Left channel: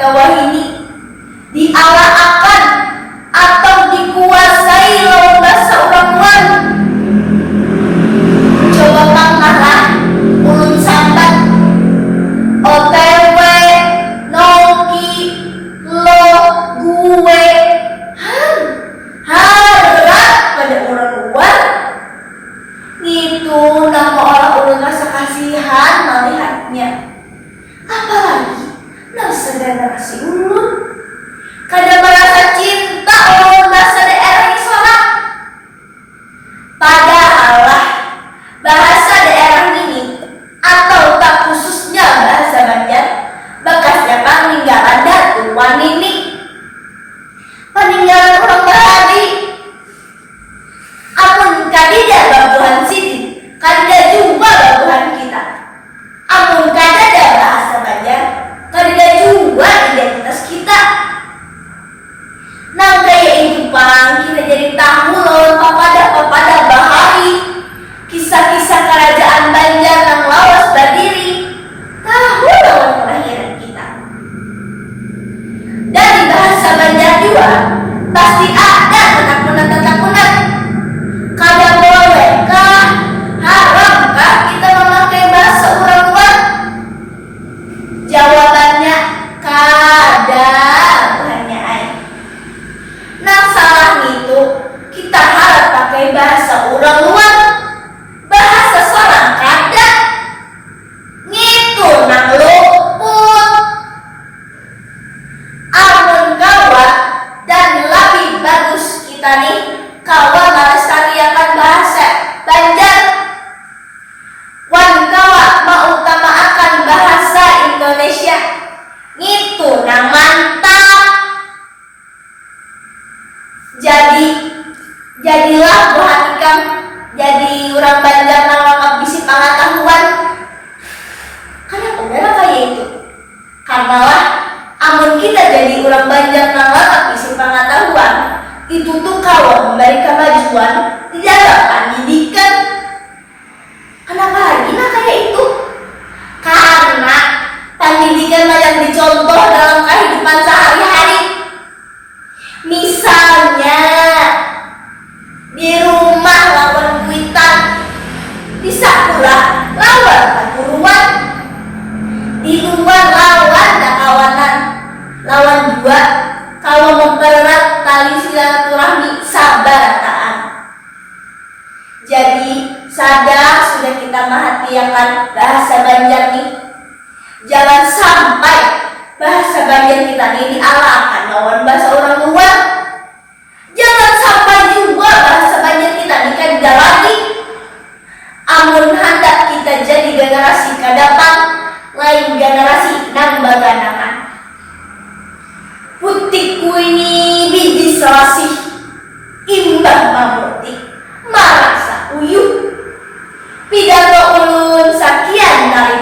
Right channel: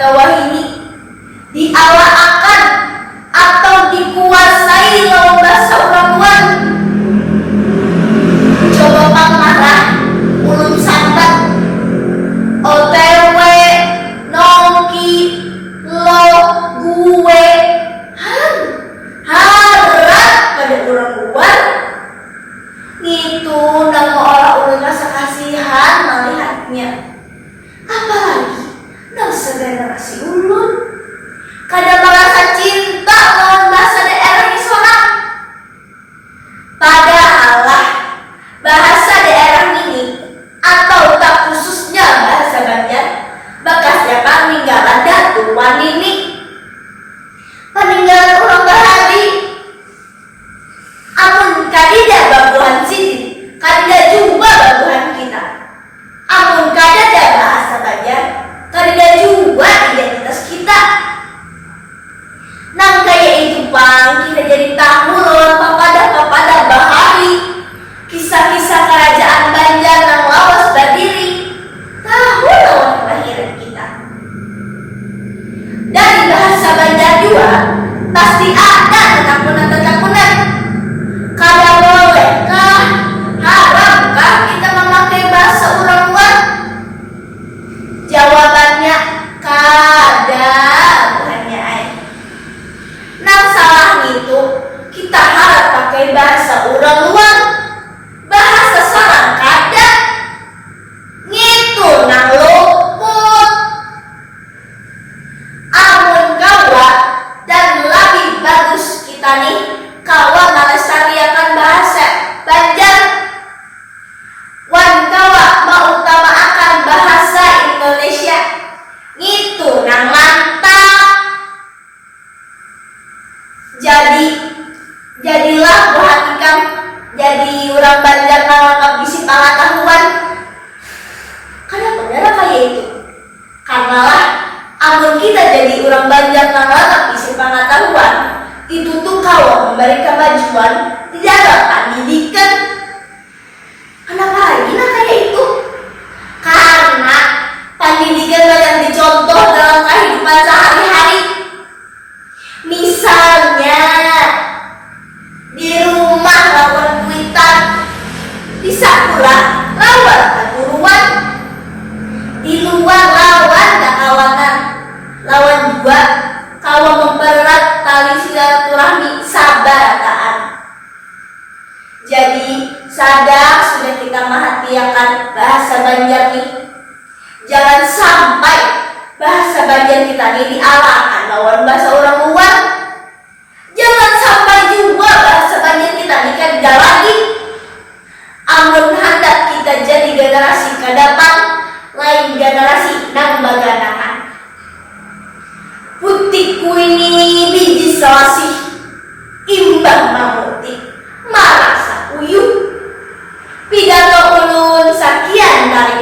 kata Wahini, dialahkan atau dikuasai lawan bahasa orang luar. Coba pangarah ulun sambat OTW nongki lo gue harap pada orang luar gitu, nama orang ulun rasa kasihan melihatnya. Apalagi nasa generasi ulun kada merasa cinta lawan bahasa daerah isona. Padahal lah bahasa daerah ini atau tak khususnya bahasa Banjar bekasnya peninggalan Datu Wanini, peninggalan orang Bahari. Amun kadida babuhan sini, kadida juga babuhan kita. Amun kadada bahasa Banjar, kadida juga identitas kita. Nang kaya itu pang kita jadi tahu lawan papada Bahari, kisah-kisah kerajaan Banjar nang lawas berdiri, tahu lawan kelahiran kita. Dari bahasa Banjar juga pasti ada tetakunan. Kada bolehkah, haramkah kita memakai bahasa orang luar? Jawabannya kada, bukannya ay. Nang salah itu kita harap pakai bahasa orang luar, bahasa sorang kada ngitu nang luput. Amun kawa dan lebih bagus kita nih kawa melestariakan bahasa Banjar, wan kawa mengutamakan bahasa Indonesia, ngitu nang mantap. Jadilah perhatikan jadi orang Banjar nang lengkap bisi pengetahuan. Kenapa benar kayak itu? Karena lah amun kita jadi orang Banjar nang lengkap bisi pengetahuan, itu tuh kawan memberi kemajuan di dalam pendidikan. Kenapa lagi nah kayak itu? Karena pendidikan banyak dicontoh dalam kehidupan sehari-hari. Misalnya di rumah lawan kuitan, di sekolah lawan perguruan, di luar lawan kawanan, lawan juga kawan mempererat tali silaturahmi sabarataan. Jadi sadar sudah kita menghatiakan bahasa Banjar nih. Jangan sampai bahasa Banjar kita nih dialahkan lawan bahasa orang luar. Jangan sampai juga bahasa Banjar kita nih kada lagi. Amun hendak kita jadi generasi ke depan, lain generasi nang baganangan. Putihku ini biji selasih, imbang mamutik, marasa uyuh. Pidato ulun sekian dari